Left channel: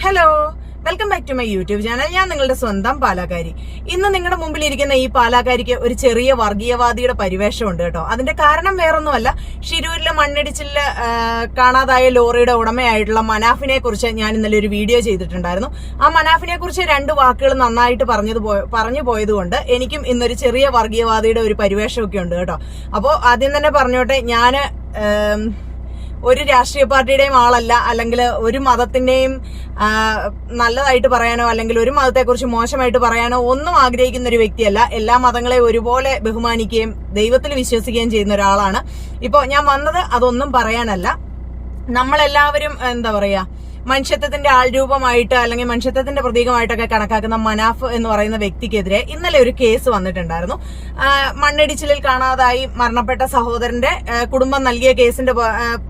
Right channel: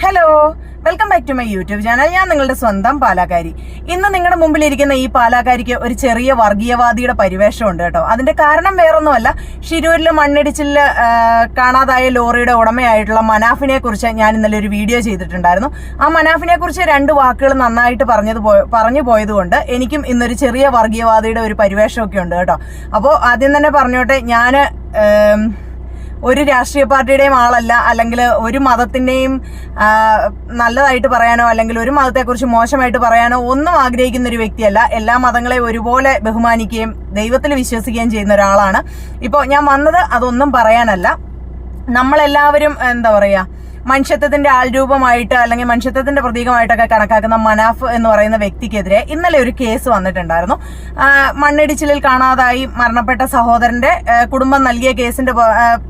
Hello welcome back to my YouTube channel ഞാൻ നിങ്ങളുടെ സ്വന്തം പാലാക്കാരി. ഇന്ന് നിങ്ങളുടെ മുമ്പിൽ ഇരിക്കുന്ന ഈ പാലാക്കാരിക്ക് ഒരു ചെറിയ വർഗീയവാദിയുടെ പരിവേഷമുണ്ട് കേട്ടോ. അതിന്റെ കാരണം വേറൊന്നുമല്ല ഷിരൂരിൽ മണ്ണിടിച്ചിൽ കാണാതായ ലോറിയുടെ ഉടമയായിട്ടുള്ള മനാഫിനെ കുറിച്ച് ഞാൻ ഇന്നലെ ഒരു വീഡിയോ ചെയ്തിട്ടുണ്ടായിരുന്നു. ആ മനാഫിനെ കുറിച്ച് രണ്ട് വാക്കുകൾ നന്നായിട്ട് പറഞ്ഞത് പറഞ്ഞു പോയതുകൊണ്ട് എനിക്കും ഇന്നൊരു ചെറിയ വർഗീയവാദിയുടെ ഒരു പരിവേഷമൊക്കെ ഉണ്ട് കേട്ടോ. അപ്പോൾ ആദ്യം തന്നെ പറഞ്ഞോട്ടെ ഞാൻ ഒരു രാഷ്ട്രീയ പാർട്ടിയുടെയും ആളല്ല അല്ലെങ്കിൽ ഒരു മതത്തിന്റെയും നല്ലതായിട്ട് പറയാനോ അല്ലെങ്കിൽ ഒരു മതത്തെക്കുറിച്ച് മോശമായിട്ട് പറയാനോ ഒന്നും ആഗ്രഹിക്കുന്ന ഒരു വ്യക്തിയല്ല. എല്ലാ മതങ്ങളെ ഒരുപോലെ ബഹുമാനിക്കുകയും ദൈവത്തിൽ വിശ്വസിക്കുകയും ചെയ്യുന്ന ഒരാളാണ്. ഇപ്പോൾ ഞാൻ വന്നത് അതൊന്നും പറയാനല്ല. നമ്മളെല്ലാവരും എന്താ പറയാ മനുഷ്യത്വത്തിന്റെ ആൾരൂപമായിട്ട് അല്ലെങ്കിൽ മനുഷ്യത്വത്തിന്റെ പ്രതീകമായിട്ടൊക്കെ കണക്കാക്കുന്ന മനാഫ് എന്ന് പറയുന്ന വ്യക്തിക്കെതിരെ ഇന്നലെ ഒരു കേസ് വന്നിട്ടുണ്ടായിരുന്നു. മണ്ണിടിച്ചിലിൽ കാണാതായി മരണപ്പെട്ട സഹോദരന്റെ കുടുംബം നൽകിയ കേസിന്റെ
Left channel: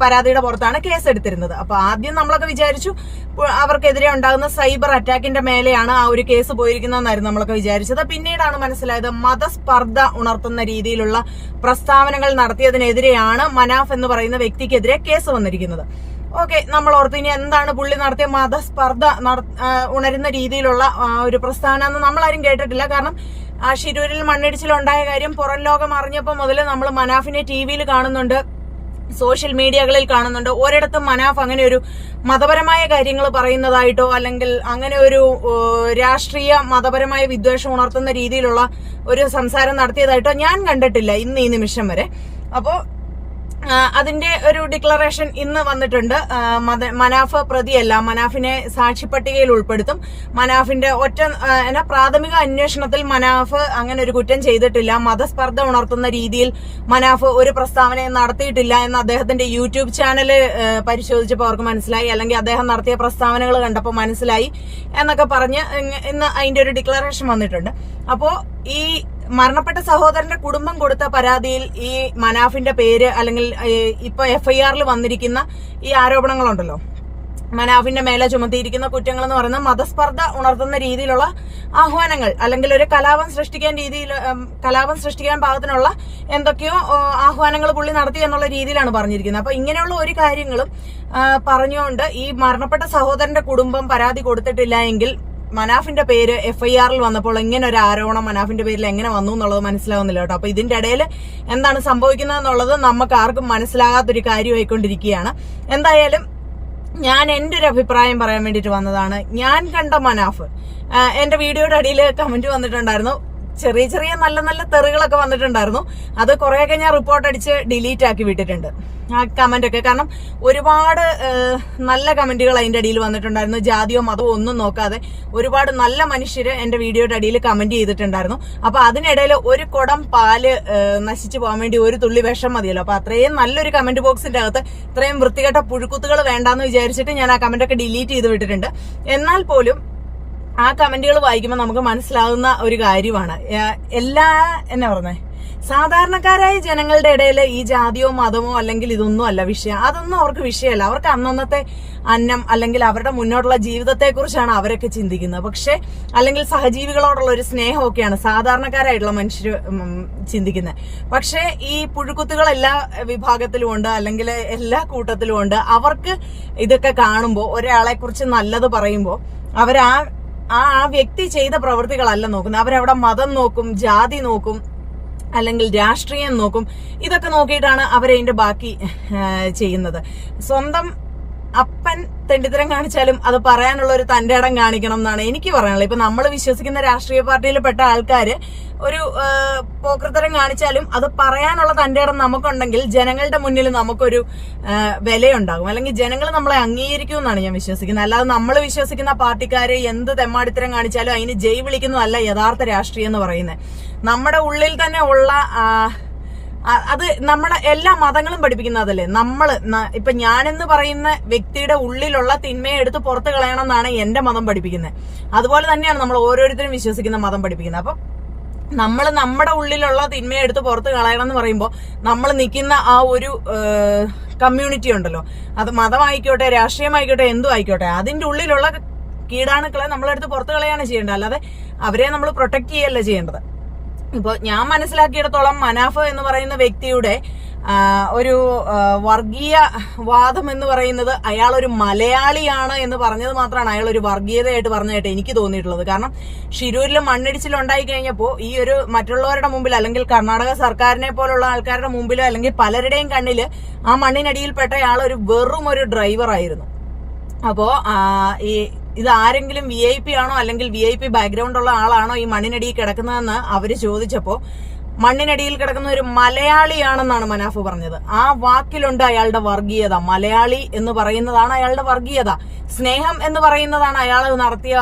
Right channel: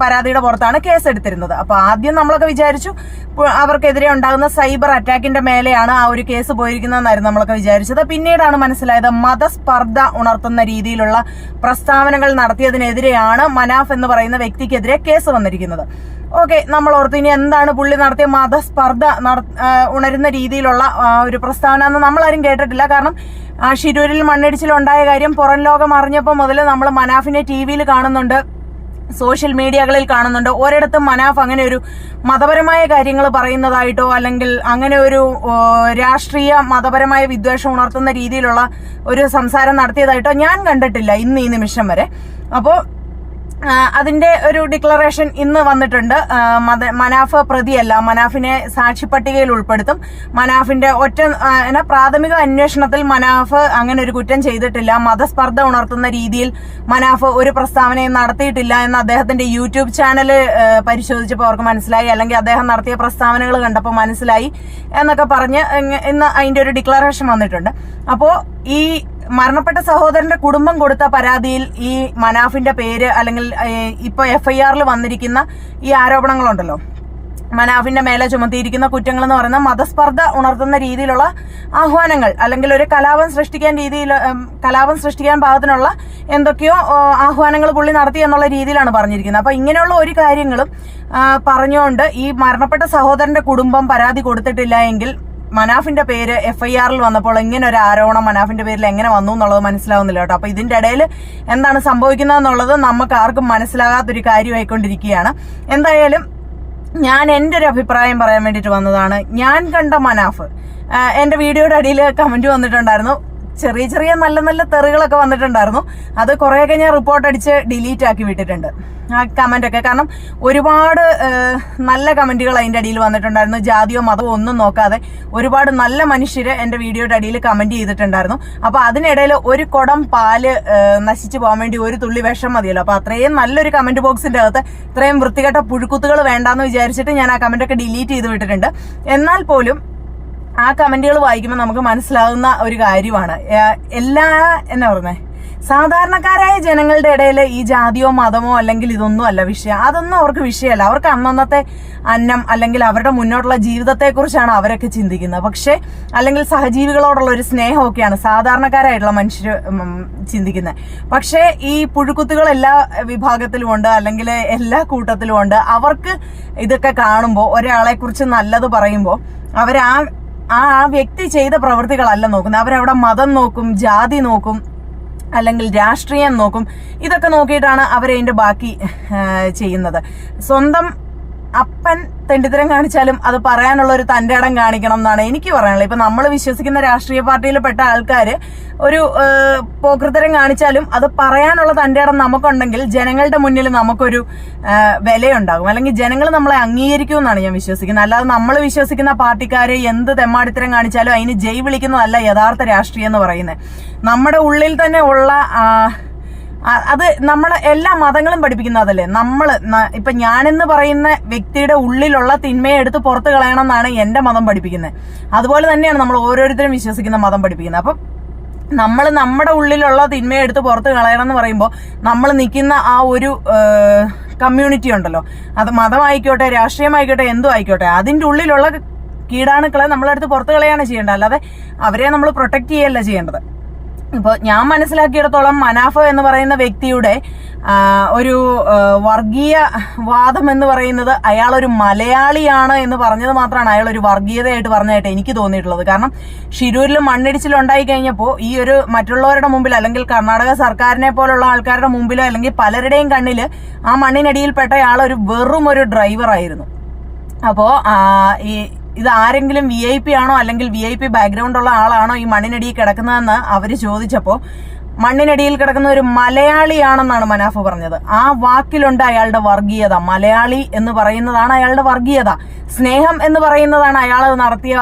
പരാതിയുടെ പുറത്താണ് കേസ് എടുത്തിരുന്നത് അപ്പൊ ആദ്യം നമ്മളൊക്കെ വിചാരിച്ചു അവർക്കെതിരെ ഉണ്ടാകുന്ന സൈബർ അറ്റാക്കിന്റെ മേലെയാണ് ആ ഒരു കേസ് പോയിരിക്കുന്നതെന്നായിരുന്നു നമ്മളൊക്കെ വിചാരിച്ചത്. പിന്നീടാണ് മനസ്സിലായത് മതസ്പർദ്ധ ഉണർത്തുന്ന രീതിയിലുള്ള പ്രസ്താവനകൾ നടത്തിയതിനെതിരെയാണ് മനാഫ് എന്ന് പറയുന്ന വ്യക്തിക്കെതിരെ കേസ് വന്നിരിക്കുന്നത്. ഓക്കെ നമ്മൾ ഓർത്ത് ഇനി എന്താണ് പുള്ളി നടത്തിയ മതസ്പർദ്ധ ഉണരുന്ന രീതിയിലുള്ള ഒരു പ്രസ്ഥാനം എന്ന് നമ്മളാരും കേട്ടിട്ടില്ല. കാരണം ആ, ശിരൂരിൽ മണ്ണിടിച്ചിൽ ഉണ്ടായ കാര്യം പുറം ലോകം അറിഞ്ഞപ്പോൾ മുതൽ നമ്മൾ മനാഫിനെ ടി വിയിൽ കാണുന്നുണ്ട് സോഷ്യൽ മീഡിയകളിൽ കാണുന്നുണ്ട്. ഒരിടത്തും മനാഫ് അങ്ങനെ ഒരു മതപരമായ കാര്യങ്ങൾ പറയുന്നതായിട്ടോ അല്ലെങ്കിൽ അങ്ങനെ ഒരു രാഷ്ട്രീയ മതപരമായ വിദ്വേഷം ഉണർത്തുന്ന രീതിയിലുള്ള ഒരു സംസാരം നടത്തിയതായിട്ടോ ഞാൻ കണ്ടിട്ടില്ല ഇന്ന് ഈ നിമിഷം വരെ. അപ്പോൾ അതിന്റെ ഒരു ഡിക്ലറേഷൻ ഇന്ന് വന്നിട്ടുണ്ട്. മനാഫ പ്രതിയല്ല മനാഫിനെ സാക്ഷി പട്ടികയിൽ ഉൾപ്പെടുത്തും. മനാഫിന്റെ ഒറ്റ പ്രാഥമിക അന്വേഷണത്തിൽ മനാഫ് അങ്ങനെ ഒരു കുറ്റം ചെയ്തിട്ടില്ല. മതസ്പർദ്ധ ഉണർത്തുന്ന രീതിയിൽ മനാഫ് ഒരു പ്രസ്താവനയും നടത്തിയിട്ടില്ല എന്ന് അദ്ദേഹത്തിന്റെ യൂട്യൂബ് ചാനൽ പരിശോധിച്ചപ്പോൾ അവർക്ക് മനസ്സിലായി. അല്ലെങ്കിൽ അദ്ദേഹം നടത്തിയ പ്രസ്താവനകൾ കണ്ടപ്പോൾ മനസ്സിലായി എന്നൊക്കെ പറഞ്ഞ് ഇന്ന് അതിന്റെ ഒരു ഡിക്ലറേഷൻ വന്നിട്ടുണ്ട്. അപ്പോൾ ഈ മരണപ്പെട്ട സഹോദരന്റെ കുടുംബം കൊടുത്ത പരാതിയിൽ ഈ മനാഫിന്റെ പേര് അല്ലെങ്കിൽ ഇപ്പൊ എഫ്ഐആറിൽ വന്നിരിക്കുന്ന ഈ ആരോപണങ്ങളുണ്ടല്ലോ. മനാഫിന്റെ മേലെ ചുമത്തിയിരിക്കുന്ന കുറ്റങ്ങൾ എന്ന് പറയുന്നത് മതസ്പർദ്ധ ഉണർത്തുന്ന രീതിയിലുള്ള ആഹ്വാനങ്ങൾ അല്ലെങ്കിൽ ഒരു കലാപം സൃഷ്ടിക്കാൻ രീതിയിൽ കലാപം സൃഷ്ടിക്കാൻ പാകത്തിനുള്ള എന്തൊക്കെയോ ആഹ്വാനങ്ങൾ പുള്ളി നടത്തി എന്നുള്ള രീതിയിലാണ് പറഞ്ഞിരിക്കുന്നത്. അപ്പൊ ഇങ്ങനെയുള്ള ഒരു കാര്യങ്ങളും പറഞ്ഞുകൊണ്ട് ഈ മരണപ്പെട്ട സഹോദരന്റെ കുടുംബം പരാതി കൊടുത്തിട്ടില്ല എങ്കിൽ മനാഫിന്റെ പേര് എഫ് ഐ ആറിൽ വന്നപ്പോൾ ഇങ്ങനെ ഒരു ആരോപണം മനാഫിന്റെ പേരിൽ എങ്ങനെ വന്നു എന്നുള്ളത് മനസ്സിലാവുന്നില്ല കേട്ടോ. അപ്പൊ ഇതിന്റെ ഇടയിൽ എന്താണ് സംഭവിക്കുന്നതെന്നുള്ളത് നമുക്ക് ആർക്കും മനസ്സിലാകാത്തൊരു കാര്യമായിക്കൊണ്ടിരിക്കുകയാണ്. എന്തായാലും ഞാൻ എന്റെ ഒരു അഭിപ്രായം പറയാൻ വേണ്ടിയിട്ട് വന്നതാണ്. ഞാൻ കണ്ട മനാഫ് എന്റെ വീഡിയോയുടെ അടിയിൽ കമന്റ് വന്നിട്ടുണ്ടായിരുന്നു. ചെറിയ ചെറിയ നല്ല നല്ല തെറികളൊക്കെ വന്നിട്ടുണ്ടായിരുന്നു. അത് കുറേയൊക്കെ ഞാൻ റിപ്പോർട്ട് അടിച്ച് ഡിലീറ്റ് ആക്കി വിട്ടിട്ടുണ്ട്. ആ ഒക്കെ. കാരണം ഒരുപാട് നല്ല കമന്റുകൾ അതിന്റെ അടിയിൽ വന്നിട്ടുണ്ടായിരുന്നു. ജാതിയോ മതമോ ഒന്നും നോക്കാതെ ഒരുപാട് നല്ല മനുഷ്യര് എന്റെ വീഡിയോയുടെ അടിയിൽ കമന്റ് ചെയ്തിട്ടുണ്ടായിരുന്നു. അപ്പോൾ അതിനിടയിൽ ഒരു കുടം പാൽ നശിച്ചു പോകാൻ വേണ്ടി ഒരു തുള്ളി വിഷം മതിയല്ലോ. അപ്പൊ അത്രയും നല്ലൊരു കമന്റ് ബോക്സിന്റെ അകത്ത് ഇത്രയും വൃത്തികെട്ട പുഴുക്കുത്തുകൾ വേണ്ടാന്ന് വിചാരിച്ചിട്ട് ഞാൻ ആ കമന്റ് ഒക്കെ ഡിലീറ്റ് ചെയ്ത് വിട്ടിട്ടുണ്ട്. എന്നാൽ പോലും ആ കമന്റുകൾ വായിക്കുമ്പോൾ നമുക്ക് മനസ്സിലാവുന്ന ഒരു കാര്യമാണ്. എല്ലാ എന്നാ പറഞ്ഞേ? സാധാരണക്കാരായ ജനങ്ങളുടെ ഇടയിൽ ഈ ജാതിയോ മതമോ അല്ലെങ്കിൽ ഇതൊന്നും അല്ല വിഷയം. അതൊന്നും അവർക്ക് വിഷയമല്ല. അവർക്ക് അന്നന്നത്തെ അന്നം അല്ലെങ്കിൽ അവരുടെ മുന്നോട്ടുള്ള ജീവിതത്തെക്കുറിച്ചാണ് അവരൊക്കെ ചിന്തിക്കുന്നത്. പക്ഷെ അല്ലെങ്കിൽ സഹജീവികളോടുള്ള ഒരു സ്നേഹമൊക്കെയാണ് സാധാരണക്കാരായിട്ടുള്ള മനുഷ്യർ ചിന്തിക്കുന്നത് പക്ഷേ ഈ പുഴുക്കുത്തുകൾ എല്ലാ വിഭാഗത്തിലും ഉണ്ട് അല്ലെങ്കിൽ എല്ലാ കൂട്ടത്തിലും ഉണ്ട്. അവർക്ക് ഇതൊക്കെ കാണുമ്പോൾ ഒരാളെ കുറിച്ച് നല്ലത് പറയുമ്പോൾ അവരാ ആ ആ ആ വ്യക്തി ചെയ്ത പ്രവൃത്തികളല്ല നോക്കുന്നത്. അവരവിടെ മതം നോക്കും ജാതി നോക്കും അല്ലെങ്കിൽ രാഷ്ട്രീയം നോക്കും. ഇതൊക്കെ നോക്കിയിട്ടാണ് അവരതിന്റെ ബാക്കി ചെയ്യുന്നത്. സ്വന്തം അപ്പൻ തെണ്ടിത്തരം കാണിച്ചാലും അത് പറയാനുള്ള ഒരു തന്റെ ഇടം കാണിക്കണം എന്നാണ് എനിക്ക് പറയാനുള്ളത്. ഇപ്പൊ നമ്മൾ വിശ്വസിക്കുന്ന രാഷ്ട്രീയ പാർട്ടിയിൽ പെട്ട ആൾക്കാര് ഒരു ആ, പോക്കൃത്തരം കാണിച്ചാലും അത് പറയാനുള്ള തന്റെ ഇടം നമുക്കുണ്ടെങ്കിൽ ജനങ്ങളുടെ മുന്നിൽ നമുക്കൊരു വിലയുണ്ടാകും. അല്ലെങ്കിൽ ജനങ്ങൾ നമ്മളെ അംഗീകരിക്കും എന്നാണ് ഞാൻ വിശ്വസിക്കുന്നത്. അല്ലാതെ നമ്മൾ വിശ്വസിക്കുന്ന പാർട്ടിക്കാര് എന്ത് തെമ്മാടിത്തരം കാണിച്ചാലും അതിന് ജയ് വിളിക്കുന്നതല്ല യഥാർത്ഥ രാഷ്ട്രീയം എന്ന് പറയുന്നത്. നമ്മുടെ ഉള്ളിൽ തന്നെ ഉള്ള അത് നമ്മൾ എല്ലാ മതങ്ങളും പഠിപ്പിക്കുന്നതല്ലേ നമ്മൾ ഇപ്പൊ ഞാനെന്ന് പറയുന്ന വ്യക്തിയുടെ ഉള്ളിലുള്ള തിന്മയെ എടുത്ത് പുറത്ത് കളയണം എന്നാണ് എന്റെ മതം പഠിപ്പിക്കുന്നത് അതുപോലെ തന്നെയാണ് നമ്മൾ ഓരോരുത്തരും വിശ്വസിക്കുന്ന മതം പഠിപ്പിക്കുന്നത് അപ്പം നമ്മൾ നമ്മുടെ ഉള്ളിലുള്ള തിന്മയെ എടുത്ത് പുറത്ത് കളയണം എന്ന് പറയുമ്പോൾ നമ്മൾ നിൽക്കുന്ന ആ ഒരു കമ്മ്യൂണിറ്റി ഉണ്ടല്ലോ. അത് മതമായിക്കോട്ടെ രാഷ്ട്രീയമായിക്കോട്ടെ എന്തോ ആയിക്കോട്ടെ അതിന്റെ ഉള്ളിലുള്ള കീടാണുക്കളെ നമ്മളെടുത്ത് പുറത്ത് കളയാണ് ചെയ്യേണ്ടത്. അല്ലാതെ അവരെ നമ്മൾ പ്രൊട്ടക്ട് ചെയ്യല്ല ചെയ്യേണ്ടത്. ഇപ്പൊ ഞാൻ മനസ്സിലാക്കിയിടത്തോളം മനാഫ എന്ന് പറയുന്ന വ്യക്തിയുടെ ഒരു വർഗീയ വാദം എന്ന് പറയുന്നത് അയാൾ ഒരു മലയാളിയാണ് എന്ന് പറഞ്ഞത് മാത്രമാണ് അയാൾ ഒരു വർഗീയതയായിട്ട് പറഞ്ഞതായിട്ട് എനിക്ക് തോന്നിയിട്ടുള്ളത്. കാരണം ഷിരൂരിൽ മണ്ണിടിച്ചിൽ ഉണ്ടായി കഴിഞ്ഞപ്പോൾ ഈ ഒരു മറ്റുള്ളവരുടെ മുമ്പിൽ അല്ലെങ്കിൽ കർണാടക സർക്കാരിനെ പോലുള്ള ആൾക്കാരുടെ മുമ്പിലോ അല്ലെങ്കിൽ പലരുടെയും കണ്ണിൽ ആ മണ്ണിനടിയിൽപ്പെട്ട അയാൾ ഒരു വെറും ഒരു ഡ്രൈവറായിരുന്നു അപ്പോൾ ഈ ഇത് ആരെങ്കിലും വി ഐ പി ആണോ അല്ലെങ്കിൽ വി ഐ പി ബാക്ക്ഗ്രൗണ്ട് ഉള്ള ആളാണോ ഈ മണ്ണിനടിയിൽ കിടക്കുന്നതെന്ന് അവർ ചോദിച്ചപ്പോൾ മണ്ണിനടിയിൽ കിടക്കുന്ന ഒരു മലയാളിയാണെന്നാണ് മനാഫ് പറഞ്ഞത്. ആ വാക്കിലുണ്ട് അയാളുടെ വർഗീയത. മലയാളി എന്ന് പറയുന്നതാണ് അയാളുടെ വർഗീയത. സ്നേഹം എന്ന് പറയുന്നതാണ് അയാൾ നടത്തിയ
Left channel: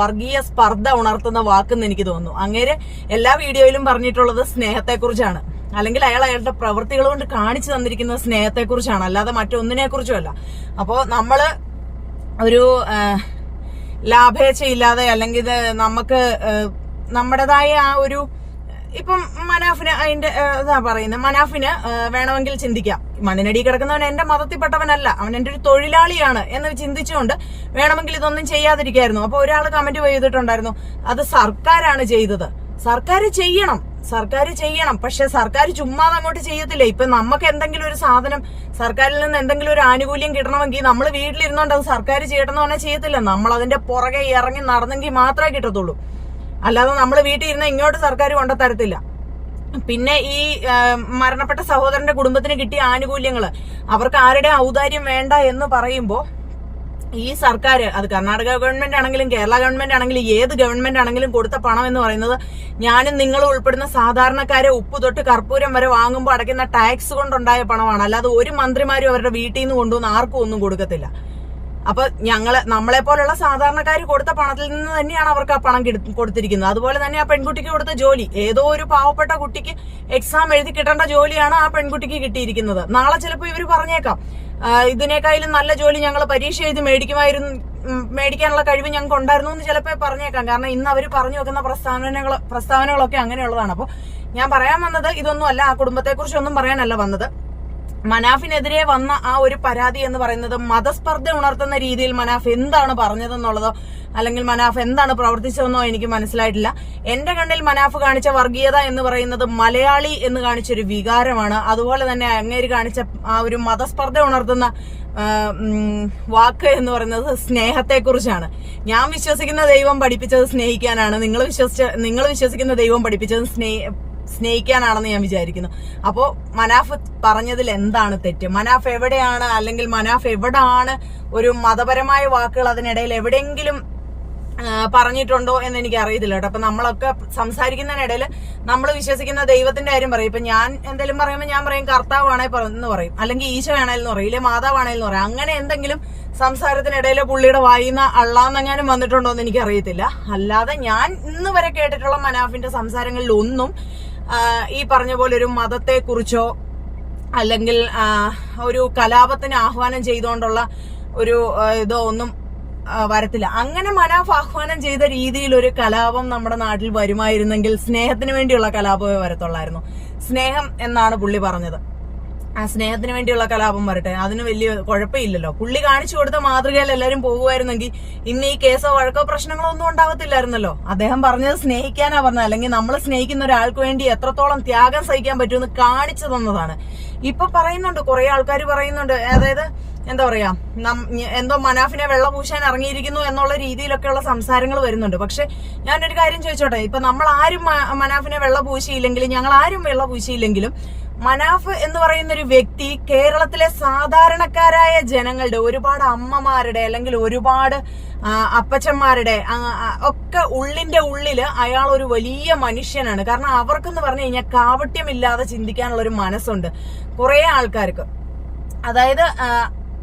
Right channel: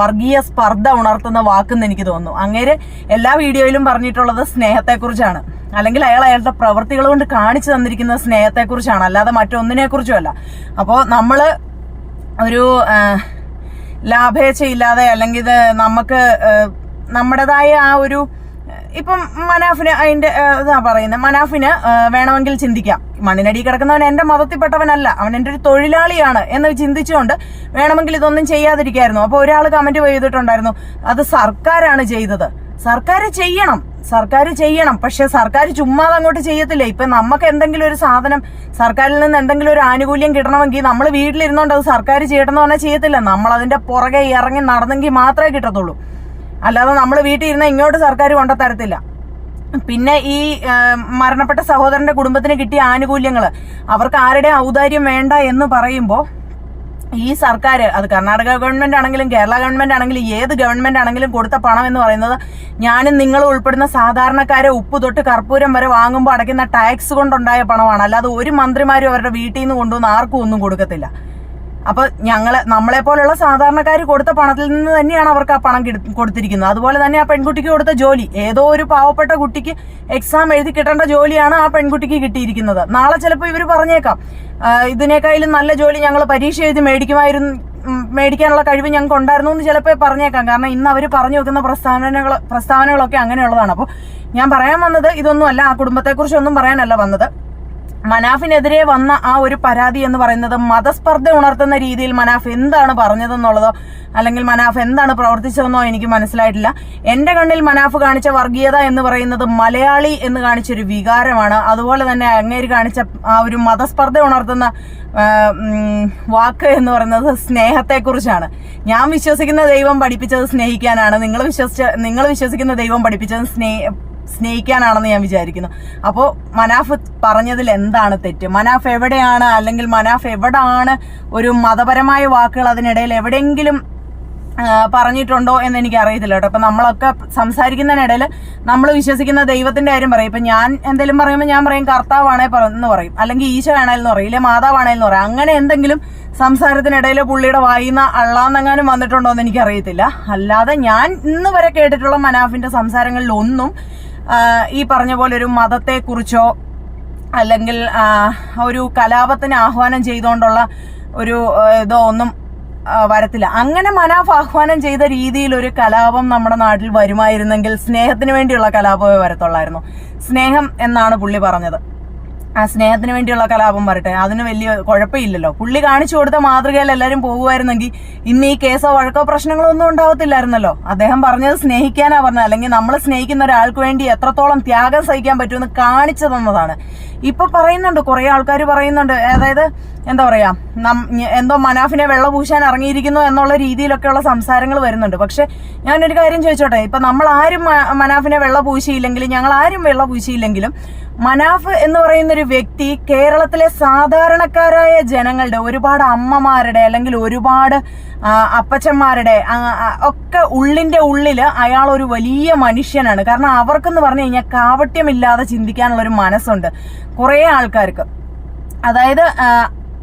വർഗീയ സ്പർദ്ധ ഉണർത്തുന്ന വാക്കെന്ന് എനിക്ക് തോന്നുന്നു. അങ്ങേര് എല്ലാ വീഡിയോയിലും പറഞ്ഞിട്ടുള്ളത് സ്നേഹത്തെക്കുറിച്ചാണ്. അല്ലെങ്കിൽ അയാൾ അയാളുടെ പ്രവൃത്തികൾ കൊണ്ട് കാണിച്ചു തന്നിരിക്കുന്ന സ്നേഹത്തെക്കുറിച്ചാണ്. അല്ലാതെ മറ്റൊന്നിനെക്കുറിച്ചുമല്ല. അപ്പോൾ നമ്മൾ ഒരു ലാഭേച്ഛയില്ലാതെ അല്ലെങ്കിൽ ഇത് നമുക്ക് നമ്മുടേതായ ആ ഒരു ഇപ്പം മനാഫിന് അതിന്റെ ഇതാ പറയുന്നത് മനാഫിന് വേണമെങ്കിൽ ചിന്തിക്കാം. മണ്ണിനടി കിടക്കുന്നവൻ എന്റെ മതത്തിൽപ്പെട്ടവനല്ല അവൻ എന്റെ ഒരു തൊഴിലാളിയാണ് എന്ന് ചിന്തിച്ചുകൊണ്ട് വേണമെങ്കിൽ ഇതൊന്നും ചെയ്യാതിരിക്കായിരുന്നു. അപ്പൊ ഒരാൾ കമന്റ് ചെയ്തിട്ടുണ്ടായിരുന്നു അത് സർക്കാരാണ് ചെയ്തത്. സർക്കാർ ചെയ്യണം. സർക്കാർ ചെയ്യണം. പക്ഷെ സർക്കാർ ചുമ്മാ അങ്ങോട്ട് ചെയ്യത്തില്ല. ഇപ്പൊ നമുക്ക് എന്തെങ്കിലും ഒരു സാധനം സർക്കാരിൽ നിന്ന് എന്തെങ്കിലും ഒരു ആനുകൂല്യം കിട്ടണമെങ്കിൽ നമ്മൾ വീട്ടിലിരുന്നോണ്ട് അത് സർക്കാർ ചെയ്യണമെന്ന് പറഞ്ഞാൽ ചെയ്യത്തില്ല. നമ്മൾ അതിന്റെ പുറകെ ഇറങ്ങി നടന്നെങ്കിൽ മാത്രമേ കിട്ടത്തുള്ളൂ. അല്ലാതെ നമ്മൾ വീട്ടിൽ ഇരുന്ന ഇങ്ങോട്ട് സർക്കാർ കൊണ്ടുതരത്തില്ല പിന്നെ ഈ മരണപ്പെട്ട സഹോദരന്റെ കുടുംബത്തിന് കിട്ടിയ ആനുകൂല്യങ്ങൾ അവർക്ക് ആരുടെ ഔദാര്യം വേണ്ട എന്ന് പറയുമ്പോ ഈ സർക്കാർ അത് കർണാടക ഗവൺമെന്റ് ആണെങ്കിലും കേരള ഗവൺമെന്റ് ആണെങ്കിലും ഏത് ഗവൺമെന്റ് ആണെങ്കിലും കൊടുത്ത പണം എന്ന് പറയുന്നത് ഞാനും നിങ്ങൾ ഉൾപ്പെടുന്ന സാധാരണക്കാരെ ഉപ്പ് തൊട്ട് കർപ്പൂരം വരെ വാങ്ങുമ്പോൾ അടയ്ക്കുന്ന ടാക്സ് കൊണ്ടുണ്ടായ പണമാണ്. അല്ലാതെ ഒരു മന്ത്രിമാരും അവരുടെ വീട്ടിൽ നിന്ന് കൊണ്ടുവന്ന് ആർക്കും ഒന്നും കൊടുക്കത്തില്ല. അപ്പൊ ഞങ്ങളെ നമ്മളെ പോലുള്ള സാധാരണക്കാർ കൊടുത്ത പണത്തിൽ നിന്ന് തന്നെയാണ് അവർക്ക് ആ പണം കൊടുത്തിരിക്കുന്നത്. അതുപോലെ തന്നെ ആ പെൺകുട്ടിക്ക് കൊടുത്ത ജോലി. ഏതോ ഒരു പാവപ്പെട്ട കുട്ടിക്ക് എക്സാം എഴുതി കിട്ടേണ്ട ജോലിയാണ് ആ പെൺകുട്ടിക്ക് കിട്ടിയിരിക്കുന്നത്. നാളെ ചിലപ്പോൾ ഇവർ പറഞ്ഞേക്കാം. ഇതിനേക്കാളും നല്ല ജോലി ഞങ്ങൾ പരീക്ഷ എഴുതി മേടിക്കുമായിരുന്നു മേടിക്കാനുള്ള കഴിവ് ഞങ്ങൾക്ക് ഉണ്ടായിരുന്നു എന്ന് ചിലപ്പോൾ പറഞ്ഞേക്കാം. കാരണം ഇന്ന് അവർ പറഞ്ഞു വെക്കുന്ന പ്രസ്താവനകൾ പ്രസ്താവനകളൊക്കെ അങ്ങനെയുള്ളതാണ്. അപ്പോൾ ഞാൻ പറയാൻ വന്നത് ഇതൊന്നും അല്ല ആ കുടുംബത്തെക്കുറിച്ചൊന്നും പറയാനല്ല വന്നത്. മനാഫിനെതിരെ വന്ന ആ ഒരു പരാതി എന്ന് പറയുന്നത് മതസ്പർദ്ധ ഉണർത്തുന്ന രീതിയിൽ മനാഫ് എന്താണ് പറഞ്ഞതെന്നുള്ളതോ അല്ലെങ്കിൽ മനാഫ് എന്താണ് പ്രവർത്തിച്ചതെന്നോ എനിക്ക് മനസ്സിലായിട്ടില്ല. എന്റെ കണ്ണിൽ മനാഫ് കാണിച്ച വർഗീയത എന്ന് പറയുന്നത് മലയാളി എന്ന് കാണിച്ചൊരു വികാരമാണ്. അതുപോലെ തന്നെ അങ്ങേര് കാണിച്ച ആ ഒരു മതസ്പർദ്ധ ഉണർത്തുന്ന വാക്ക് എന്ന് പറയുന്നത് സ്നേഹത്തെക്കുറിച്ചാണ്. ഞാൻ വിശ്വസിക്കുന്ന ദൈവം പഠിപ്പിച്ചത് സ്നേഹിക്കാനാണ്. നിങ്ങൾ വിശ്വസിച്ച നിങ്ങൾ വിശ്വസിക്കുന്ന ദൈവം പഠിപ്പിച്ചത് സ്നേഹ സ്നേഹിക്കാനാണെന്ന് ഞാൻ വിചാരിക്കുന്നു. അപ്പോൾ മനാഫ് പറഞ്ഞതിൽ എന്താണ് തെറ്റ്? മനാഫ് എവിടെയാണ്? അല്ലെങ്കിൽ മനാഫ് എവിടാണ്? ഒരു മതപരമായ വാക്കുകൾ അതിനിടയിൽ എവിടെയെങ്കിലും പറഞ്ഞിട്ടുണ്ടോ എന്ന് എനിക്ക് അറിയത്തില്ല കേട്ടോ. അപ്പൊ നമ്മളൊക്കെ സംസാരിക്കുന്നതിനിടയിൽ നമ്മൾ വിശ്വസിക്കുന്ന ദൈവത്തിന്റെ കാര്യം പറയും. ഇപ്പൊ ഞാൻ എന്തെങ്കിലും പറയുമ്പോൾ ഞാൻ പറയും കർത്താവാണേ എന്ന് പറയും. അല്ലെങ്കിൽ ഈശോ ആണേലെന്ന് പറയും. ഇല്ലെ മാതാവാണേലെന്ന് പറയും. അങ്ങനെ എന്തെങ്കിലും സംസാരത്തിനിടയിൽ പുള്ളിയുടെ വായിന്ന അള്ളാന്നെങ്ങാനും വന്നിട്ടുണ്ടോ എന്ന് എനിക്ക് അറിയത്തില്ല അല്ലാതെ ഞാൻ ഇന്ന് വരെ കേട്ടിട്ടുള്ള മനാഫിന്റെ സംസാരങ്ങളിൽ ഒന്നും ഈ പറഞ്ഞ പോലെ ഒരു മതത്തെക്കുറിച്ചോ അല്ലെങ്കിൽ ഒരു കലാപത്തിന് ആഹ്വാനം ചെയ്തുകൊണ്ടുള്ള ഒരു ഇതോ ഒന്നും വരത്തില്ല. അങ്ങനെ മനാഫ് ആഹ്വാനം ചെയ്ത രീതിയിൽ ഒരു കലാപം നമ്മുടെ നാട്ടിൽ വരുമായിരുന്നെങ്കിൽ സ്നേഹത്തിന് വേണ്ടിയുള്ള കലാപമേ വരത്തുള്ളായിരുന്നു. സ്നേഹം എന്നാണ് പുള്ളി പറഞ്ഞത്. ആ സ്നേഹത്തിന് വേണ്ടിയുള്ള കലാപം വരട്ടെ അതിന് വലിയ കുഴപ്പമില്ലല്ലോ. പുള്ളി കാണിച്ചു കൊടുത്ത മാതൃകയിൽ എല്ലാവരും പോകുമായിരുന്നെങ്കിൽ ഇന്ന് ഈ കേസോ വഴക്കോ പ്രശ്നങ്ങളോ ഒന്നും ഉണ്ടാവത്തില്ലായിരുന്നല്ലോ. അദ്ദേഹം പറഞ്ഞത് സ്നേഹിക്കാനാ പറഞ്ഞത്. അല്ലെങ്കിൽ നമ്മൾ സ്നേഹിക്കുന്ന ഒരാൾക്ക് വേണ്ടി എത്രത്തോളം ത്യാഗം സഹിക്കാൻ പറ്റുമെന്ന് കാണിച്ചു തന്നതാണ്. ഇപ്പൊ പറയുന്നുണ്ട് കുറെ ആൾക്കാർ പറയുന്നുണ്ട്. അതായത് എന്താ പറയാ എന്തോ മനാഫിനെ വെള്ളം പൂശാൻ ഇറങ്ങിയിരിക്കുന്നു എന്നുള്ള രീതിയിലൊക്കെയുള്ള സംസാരങ്ങൾ വരുന്നുണ്ട്. പക്ഷെ ഞാനൊരു കാര്യം ചോദിച്ചോട്ടെ. ഇപ്പൊ നമ്മൾ ആരും മനാഫിനെ വെള്ളം പൂശിയില്ലെങ്കിലും ഞങ്ങൾ ആരും വെള്ളം പൂശിയില്ലെങ്കിലും മനാഫ് എന്ന് പറയുന്ന ഒരു വ്യക്തി കേരളത്തിലെ സാധാരണക്കാരായ ജനങ്ങളുടെ ഒരുപാട് അമ്മമാരുടെ അല്ലെങ്കിൽ ഒരുപാട് അപ്പച്ചന്മാരുടെ ഒക്കെ ഉള്ളിന്റെ ഉള്ളിൽ അയാൾ ഒരു വലിയ മനുഷ്യനാണ്. കാരണം അവർക്കെന്ന് പറഞ്ഞു കഴിഞ്ഞാൽ കാവട്യമില്ലാതെ ചിന്തിക്കാനുള്ള ഒരു മനസ്സുണ്ട് കുറെ ആൾക്കാർക്ക്. അതായത്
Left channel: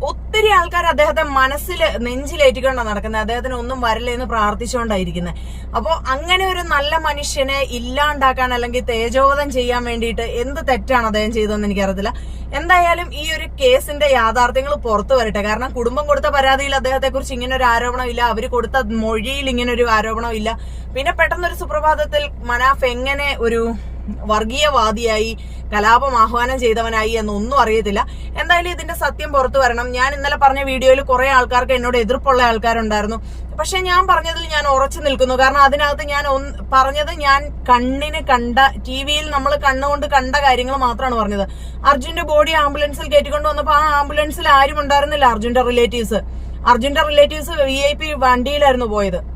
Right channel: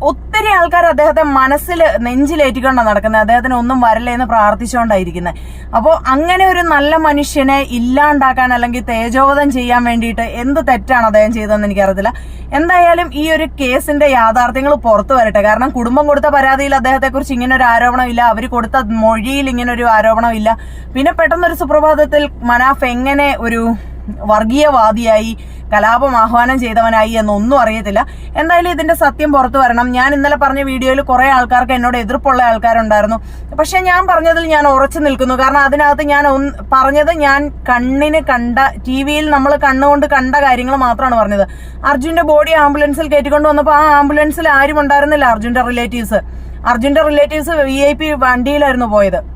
ഒത്തിരി ആൾക്കാർ അദ്ദേഹത്തെ മനസ്സിൽ നെഞ്ചിലേറ്റിക്കൊണ്ടാണ് നടക്കുന്നത്. അദ്ദേഹത്തിന് ഒന്നും വരല്ലേ എന്ന് പ്രാർത്ഥിച്ചുകൊണ്ടായിരിക്കുന്നത് അപ്പോൾ അങ്ങനെ ഒരു നല്ല മനുഷ്യനെ ഇല്ലാണ്ടാക്കാൻ അല്ലെങ്കിൽ തേജോവധം ചെയ്യാൻ വേണ്ടിയിട്ട് എന്ത് തെറ്റാണ് അദ്ദേഹം ചെയ്തതെന്ന് എനിക്കറിയത്തില്ല. എന്തായാലും ഈ ഒരു കേസിന്റെ യാഥാർത്ഥ്യങ്ങൾ പുറത്തു വരട്ടെ. കാരണം കുടുംബം കൊടുത്ത പരാതിയിൽ അദ്ദേഹത്തെ കുറിച്ച് ഇങ്ങനെ ഒരു ആരോപണം ഇല്ല. അവർ കൊടുത്ത മൊഴിയിൽ ഇങ്ങനെ ഒരു ആരോപണം ഇല്ല. പിന്നെ പെട്ടെന്നൊരു സുപ്രഭാതത്തിൽ മനാഫ് എങ്ങനെ ഒരു വർഗീയവാദിയായി കലാപം ആഹ്വാനം ചെയ്തവനായി എന്നൊന്നും അറിയത്തില്ല. എന്തായാലും ഇതിന്റെ സത്യം പുറത്തു വരണം. ഞാൻ ഇന്നലെ പറഞ്ഞ വീഡിയോയിൽ കുറെ ആൾക്കാർക്ക് എന്നോട് എതിർപ്പുള്ള ആൾക്കാരുണ്ടായിരുന്നു. പക്ഷെ ഞാൻ പറഞ്ഞതിൽ ഞാൻ ഉറച്ചു നിൽക്കുന്നു. കാരണം അതിനകത്ത് ഞാൻ പറഞ്ഞത് ഞാൻ കണ്ണിന് കണ്ട ടി വിയിൽ നമ്മൾ കണ്ണുകൊണ്ട് കണ്ട കാര്യങ്ങൾ മാത്രമാണ് പറഞ്ഞത്. അർജുന്റെ ബോഡി ആംബുലൻസിൽ കയറ്റിക്കൊണ്ട് വന്നപ്പോൾ ആ ആംബുലൻസിൽ ആരും ഉണ്ടായിരുന്നില്ല അർജുന്റെ റിലേറ്റീവ്സ്. അർജുന്റെ റിലേറ്റീവ്സ് വി ഐ പി വണ്ടിയിലായിരുന്നു പോയത്.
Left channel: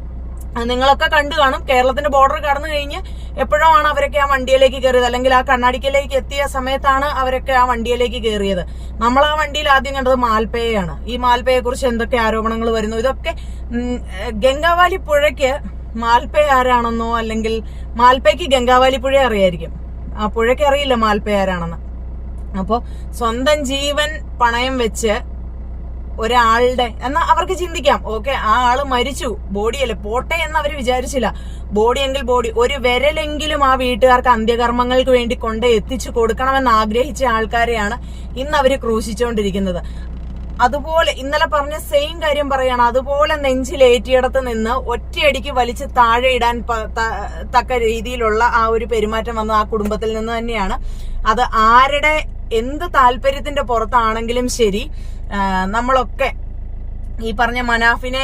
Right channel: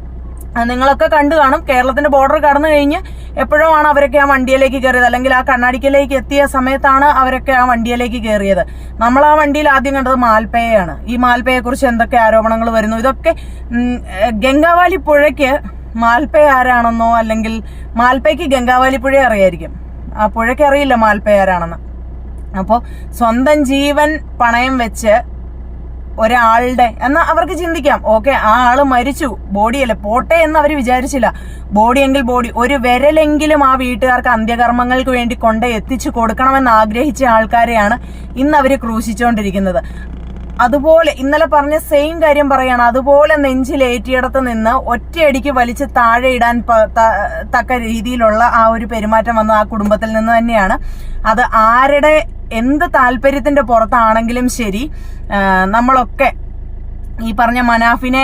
നിങ്ങളൊക്കെ കണ്ടു കാണും. കേരളത്തിന്റെ ബോർഡർ കടന്നു കഴിഞ്ഞ് എപ്പോഴോ ആണ് അവരൊക്കെ ആ വണ്ടിയിലേക്ക് കയറിയത്. അല്ലെങ്കിൽ ആ കണ്ണാടിക്കലേക്ക് എത്തിയ സമയത്താണ് അവരൊക്കെ ആ വണ്ടിയിലേക്ക് കയറിയത്. നമ്മൾ ആ വണ്ടിയിൽ ആദ്യം കണ്ടത് മാൽപ്പയാണ് ഈ മാൽപ്പയെ കുറിച്ച് എന്തൊക്കെ ആരോപണങ്ങൾ വരുന്നു? ഇതൊക്കെ ഗംഗാവാലി പുഴയ്ക്ക് മാൽപ്പയ ആരാണെന്നോ അല്ലെങ്കിൽ മാൽപ്പയ്ക്ക് ഗംഗാവാലി പുഴ അറിയായിരിക്കും. ആ പുഴയ്ക്ക് അറിയില്ല മാൽപ്പയ ആരാണെന്ന്. അപ്പോ സ്വന്തം ജീവൻ പണയം വെച്ച് ഒരാളുടെ എന്നാ അവർക്ക് ചിന്തിക്കാം. ഓക്കെ ആ ആൾ മരിച്ചു ബോഡിയല്ലേ? പോട്ടെ എന്ന് അവർ വിചാരിച്ചില്ല. ബോഡി എങ്കിൽ ബോഡി ഒരു വിരലെങ്കിലും ആ വീട്ടുകാർക്ക് അന്ത്യകർമ്മങ്ങൾക്ക് വേണ്ടി കൊണ്ട് എത്തിച്ചു കൊടുക്കണമെന്ന് ആഗ്രഹിച്ച ആൾക്കാരെയാണ് ഇന്ന് അവർ ക്രൂശിച്ചുകൊണ്ടിരിക്കുന്നത് അതുപോലെ ഇന്നലെ പറഞ്ഞ സെയിം കാര്യം പറയാണ്. അതുപോലെ നെഞ്ചിലേറ്റിയിടത്ത് നിന്ന് ഒറ്റയടിക്ക് വലിച്ച് താഴെ ഇടാൻ തക്ക രീതിയിലുള്ള ആ ഒരു പെരുമാറ്റം വന്ന ആ കുടുംബത്തിൽ നിന്ന് തന്നെയാണ്. അത് ആരുടെ എന്ത് താല്പര്യത്തിന്റെ പുറത്താണെങ്കിലും ശരി നമ്മളൊക്കെ ഈ പറഞ്ഞ മനാഫിനെ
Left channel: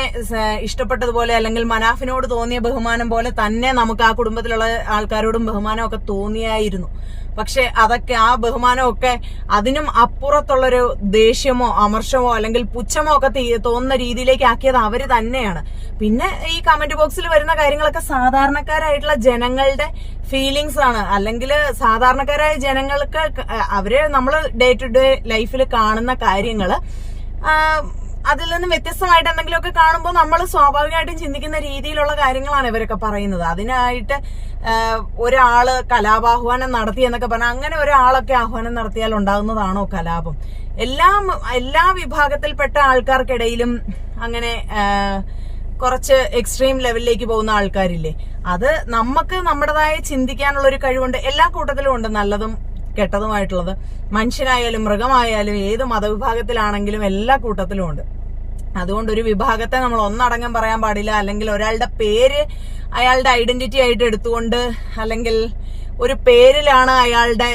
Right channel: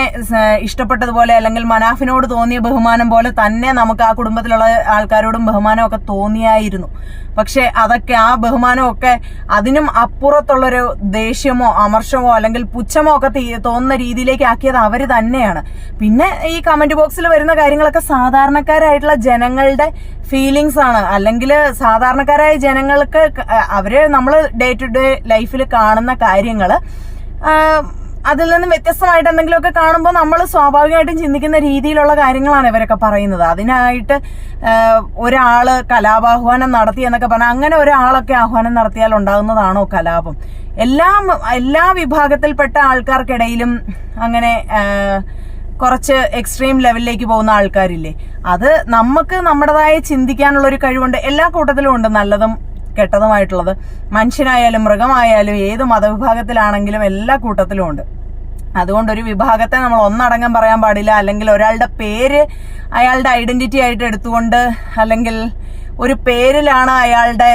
ഇഷ്ടപ്പെട്ടതുപോലെ അല്ലെങ്കിൽ മനാഫിനോട് തോന്നിയ ബഹുമാനം പോലെ തന്നെ നമുക്ക് ആ കുടുംബത്തിലുള്ള ആൾക്കാരോടും ബഹുമാനമൊക്കെ തോന്നിയായിരുന്നു. പക്ഷെ അതൊക്കെ ആ ബഹുമാനമൊക്കെ അതിനും അപ്പുറത്തുള്ളൊരു ദേഷ്യമോ അമർഷമോ അല്ലെങ്കിൽ പുച്ഛമോ ഒക്കെ തോന്നുന്ന രീതിയിലേക്ക് ആക്കിയത് അവർ തന്നെയാണ്. പിന്നെ ഈ കമന്റ് ബോക്സിൽ വരുന്ന കാര്യങ്ങളൊക്കെ സാധാരണക്കാരായിട്ടുള്ള ജനങ്ങളുടെ ഫീലിങ്സ് ആണ്. അല്ലെങ്കിൽ സാധാരണക്കാരായ ജനങ്ങൾക്ക് അവരെ നമ്മൾ ഡേ ടു ഡേ ലൈഫിൽ കാണുന്ന കാര്യങ്ങൾ അതിൽ നിന്ന് വ്യത്യസ്തമായിട്ട് എന്തെങ്കിലുമൊക്കെ കാണുമ്പോൾ നമ്മൾ സ്വാഭാവികമായിട്ടും ചിന്തിക്കുന്ന രീതിയിലുള്ള കാര്യങ്ങളാണ് ഇവരൊക്കെ പറയുന്നത്. അതിനായിട്ട് ഒരാൾ കലാപാഹ്വാനം നടത്തി എന്നൊക്കെ പറഞ്ഞാൽ അങ്ങനെ ഒരാളൊക്കെ ആഹ്വാനം നടത്തിയാൽ ഉണ്ടാകുന്നതാണോ കലാപം? എല്ലാ എല്ലാ വിഭാഗത്തിൽപ്പെട്ട ആൾക്കാർക്കിടയിലും അങ്ങനെ കുറച്ച് എക്സ്ട്രീം ലെവലിലേക്ക് പോകുന്ന ആൾക്കാരില്ലേ? അത് നമുക്ക് നമ്മുടേതായ ചിന്തിക്കാനുള്ള ഒരു കഴിവുണ്ട്. എല്ലാ കൂട്ടത്തിലും ഉണ്ട്. നല്ലതും കെട്ടതുമായിട്ടുള്ളത്. മനുഷ്യനായാലും മൃഗമായാലും ഏത് മതവിഭാഗത്തിലാണെങ്കിലും എല്ലാ കൂട്ടത്തിലും ഉണ്ട്. അതുകൊണ്ട് ഒരു വിഭാഗത്തെ നമ്മൾ ഒന്നടങ്കം പറയാൻ പാടില്ല. അല്ലെങ്കിൽ ഒരാളുടെ പേര് അയാളുടെ ഐഡന്റിറ്റി ആയിട്ട് എടുത്തുകൊണ്ട് അല്ലെങ്കിൽ ഒരു പേരിലാണ് അയാളുടെ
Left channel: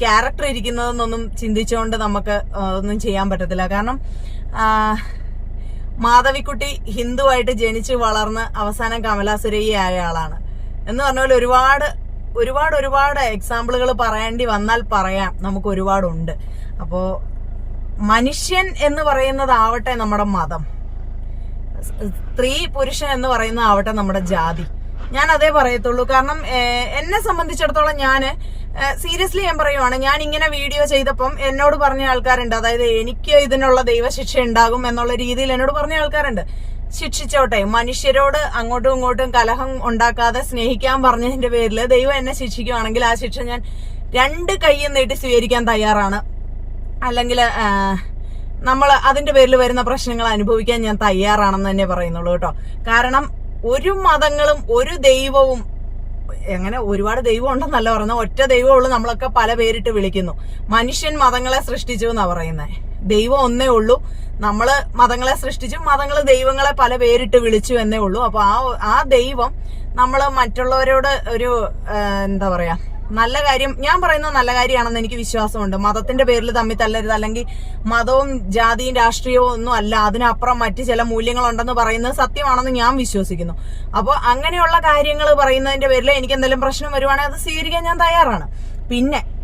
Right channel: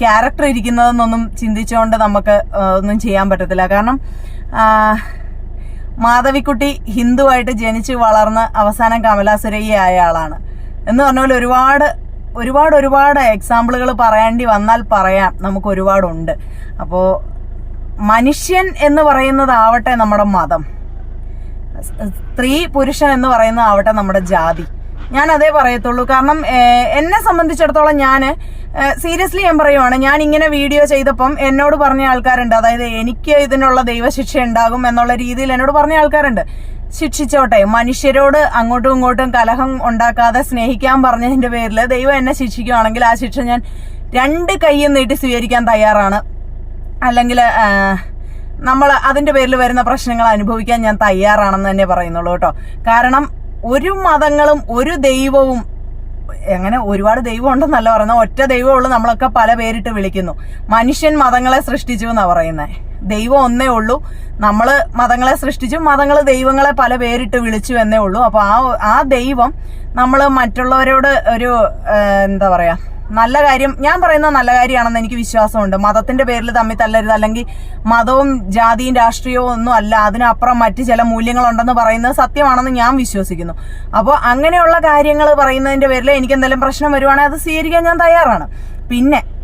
ക്യാരക്ടർ ഇരിക്കുന്നതെന്നൊന്നും ചിന്തിച്ചുകൊണ്ട് നമുക്ക് ഒന്നും ചെയ്യാൻ പറ്റത്തില്ല. കാരണം മാധവിക്കുട്ടി ഹിന്ദുവായിട്ട് ജനിച്ച് വളർന്ന് അവസാനം കമലാസുരയ്യ ആയ ആളാണ്. എന്ന് പറഞ്ഞ പോലെ ഒരുപാട് ഒരുപാട് ഒരുപാട് എക്സാമ്പിളുകൾ പറയേണ്ടി വന്നാൽ പറയാം. നമുക്ക് ഒരുപാടുണ്ട്. അപ്പോ മനുഷ്യൻ എന്ന് പറയുന്നതാവട്ടെ നമ്മുടെ മതം. സ്ത്രീ പുരുഷൻ എന്ന് പറയുന്നതാവട്ടെ നമ്മുടെ ജാതി. ഞാൻ അതേ പറയത്തുള്ളൂ. കാരണം എന്നെ സംബന്ധിച്ചിടത്തോളം ഞാൻ സീരിയസ്ലി ഞാൻ പറയുവാണ്. ഞാൻ ഇങ്ങനെ വീഡിയോ ചെയ്തപ്പം എന്നോട് പറഞ്ഞ ആൾക്കാരുണ്ട്. അതായത് എനിക്ക് ഇതിനുള്ള ദൈവശിക്ഷ ഉണ്ടാകും എന്നുള്ള രീതിയിൽ എന്നോട് പറഞ്ഞ ആൾക്കാരുണ്ട്. ശിക്ഷിച്ചോട്ടെ. മനുഷ്യരോട് അങ്ങോട്ടും ഇങ്ങോട്ടും കലഹം ഉണ്ടാക്കാതെ സ്നേഹിക്കാൻ പറഞ്ഞതിന്റെ പേരിൽ ദൈവം എന്നെ ശിക്ഷിക്കുകയാണെങ്കിൽ ആ ശിക്ഷ ഞാൻ രണ്ട് കൈയും നീട്ടി സ്വീകരിക്കാൻ തയ്യാറാണ്. അല്ലെങ്കിൽ നമ്മൾ അതിന്റെ പേരിൽ വരുന്ന പ്രശ്നങ്ങൾ അനുഭവിക്കാൻ ഞാൻ തയ്യാറാണെന്ന് തന്നെ പറയുന്നുള്ളൂ കേട്ടോ. കാരണം ഒരു മതങ്ങളും ഒരു ദൈവവും അങ്ങനെ ഒരുപാട് ദൈവം ഉണ്ടെന്നല്ല പറയുന്നത്. ഒറ്റ ദൈവമുള്ളൂ നമ്മളൊക്കെ പല പേരിട്ട് വിളിക്കുന്നു. മനുഷ്യൻ മതങ്ങളെ സൃഷ്ടിച്ചു എന്നാ പറയുന്നത് ദൈവം ഒന്നേ ഉള്ളൂ. നമ്മൾ മതങ്ങളെ സൃഷ്ടിച്ചു മതങ്ങൾ ദൈവങ്ങളെ പല പേരിട്ട് വിളിച്ചു എന്നേ ഉള്ളൂ. അപ്പൊ ആ ആ ദൈവം നമ്മൾ മറ്റുള്ളവരോട് ഒരു എന്താ പറയാ നല്ല കാര്യം ഞാൻ പറയുന്ന നല്ല കാര്യമാണെന്ന് എനിക്ക് വിശ്വാസമുണ്ട്. മതത്തിന്റെ പേരിൽ തമ്മിൽ തല്ലരുത്. അല്ലെങ്കിൽ മതവും ജാതിയും രാഷ്ട്രീയവും ഒന്നും അല്ല. അതിനപ്പുറം മറ്റ് ചില മൂല്യങ്ങളുണ്ടെന്ന് പറയുന്നത് സത്യമാണെന്ന് ഞാൻ വിശ്വസിക്കുന്നു. അപ്പോൾ അങ്ങനെയുള്ള കാര്യങ്ങൾ പറയുന്നതിന്റെ പേരിൽ എനിക്ക് എന്തെങ്കിലും പ്രശ്നം വരുവാണെങ്കിൽ അത് സ്വീകരിക്കാൻ ഞാൻ തയ്യാറാണ്. പിന്നെ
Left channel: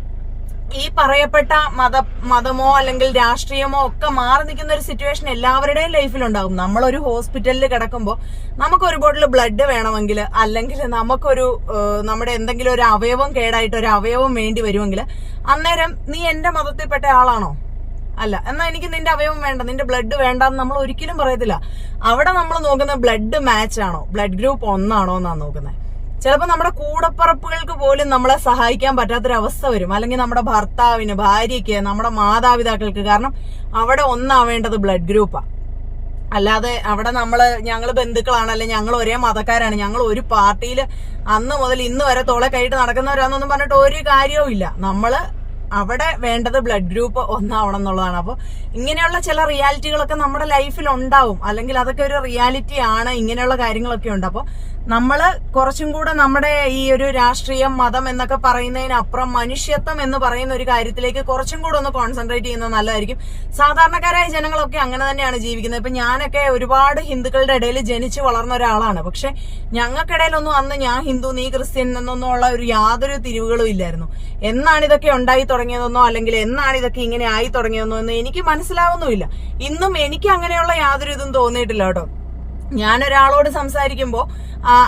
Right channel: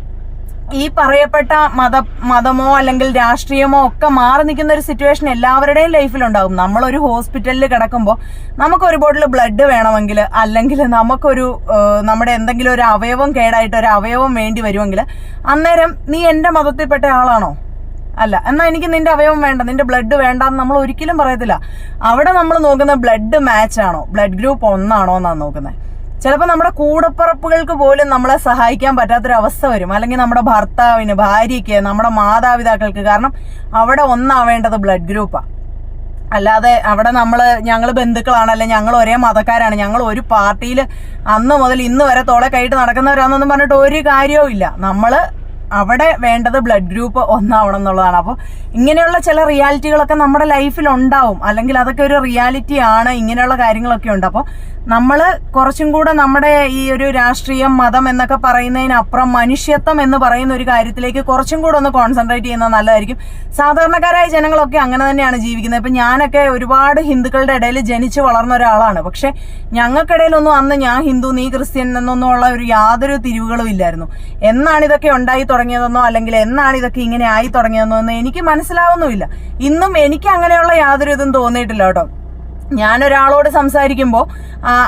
ഈ പറയപ്പെട്ട മത മതമോ അല്ലെങ്കിൽ രാഷ്ട്രീയമോ ഒക്കെ മാറി നിൽക്കുന്ന ഒരു സിറ്റുവേഷൻ എല്ലാവരുടെയും ലൈഫിലുണ്ടാകും നമ്മളൊരു ഹോസ്പിറ്റലിൽ കിടക്കുമ്പോൾ നമുക്ക് ഒരു ബോട്ടിൽ ബ്ലഡ് വേണമെങ്കിൽ അല്ലെങ്കിൽ നമുക്കൊരു നമ്മുടെ എന്തെങ്കിലും ഒരു അവയവം കേടായിട്ട് ഒരു അവയവം വേണ്ടി വരുമെങ്കിൽ അന്നേരം നീ എന്റെ മതത്തിൽപ്പെട്ട ആളാണോ? അല്ല എന്നാ എനിക്ക് നിന്റെ അവയവം വേണ്ട നിന്റെ ബ്ലഡ് വേണ്ടെന്ന് നമ്മൾ ഒരിക്കലും പറയത്തില്ല. അവിടെ നമ്മൾ നോക്കുന്ന ബ്ലഡ് മാച്ച് ആണോ? ബ്ലഡ് ഗ്രൂപ്പ് ഒന്നാണോ എന്നാണ് നോക്കുന്നത്. ചിലപ്പോൾ നമ്മുടെ കൂടപ്പറപ്പുകൾക്ക് പോലും നമ്മളെ സഹായിക്കാൻ പറ്റാത്തൊരവസ്ഥ വരും. അല്ലെങ്കിൽ നമ്മുടെ ഭർത്താവിന് ഭാര്യയ്ക്ക് നമ്മുടെ മാതാപിതാക്കൾക്ക്. കാരണം അവിടെ ഒന്നാവേണ്ടത് ബ്ലഡ് ഗ്രൂപ്പാണ് അല്ലാതെ അവിടെ നമ്മൾ ഞങ്ങൾ ബന്ധുക്കളാണ് അല്ലെ ഞങ്ങൾ ഒരേ മതക്കാരാണ്. ഞങ്ങൾ ഒരു പാർട്ടിയിൽ അന്ന് മുതൽ ഇന്ന് വരെ തോളെ കൈയിട്ട് നടക്കുന്നവരാണെന്നൊന്നും പറഞ്ഞിട്ട് ഒരു കാര്യവും ഇല്ല. നമ്മൾ അവിടെ വേണ്ടത് ബ്ലഡ് ഗ്രൂപ്പ് ഒന്നാവണം എന്നുള്ളതാണ്. അപ്പോൾ ഇങ്ങനെയുള്ള ചില റിയാലിറ്റികളൊക്കെ നമ്മുടെ ലൈഫിൽ ഉണ്ടാവും. അല്ലെങ്കിൽ അതൊക്കെ ഒരു റിയാലിറ്റി ആണ്. ഇങ്ങനെയുള്ള കാര്യങ്ങളൊക്കെ ഉണ്ട്. അപ്പോൾ നമ്മൾ കുറച്ചും കൂടെ നമ്മുടെ ഈ ഒരു രാഷ്ട്രീയം മതം എന്നൊക്കെ പറയുന്നതിനപ്പുറം മനുഷ്യത്വം എന്ന് പറയുന്ന ഒരു കാര്യത്തിലേക്ക് കുറച്ചും കൂടെ ഒന്ന് കോൺസെൻട്രേറ്റ് ചെയ്യുന്നത് നല്ലതായിരിക്കും. സാധാരണക്കാരായ ജനങ്ങളൊക്കെ അങ്ങനെ തന്നെയാണ് ജീവിക്കുന്നത്. ഇപ്പം ഞാനൊക്കെ ഒരുപാട് ഹിന്ദുക്കളുടെ ഇടയിൽ ജനിച്ചു വളർന്ന ഒരാളാണ്. പക്ഷെ ഞങ്ങൾക്കിടയിലൊന്നും അന്ന് ഞാൻ ഹിന്ദു നീ ക്രിസ്ത്യൻ എന്നൊന്നും ഉള്ള ഒരു യാതൊരു തിരിവുകളും ഇല്ലായിരുന്നു. എന്നാണ് ഇതൊക്കെ ഉണ്ടായി തുടങ്ങിയതെന്നോ അല്ലെങ്കിൽ എന്നാണ് ഇതൊക്കെ ഇങ്ങനെ ആയി തുടങ്ങിയതെന്നോ എന്ന് എനിക്ക് മനസ്സിലാവുന്നുമില്ല. ഇന്നും എനിക്ക് അങ്ങനെയുള്ള യാതൊരു ഇതും തോന്നിയിട്ടില്ല കേട്ടോ. ഞാൻ ഒരാളോട് സംസാരിക്കുമ്പോൾ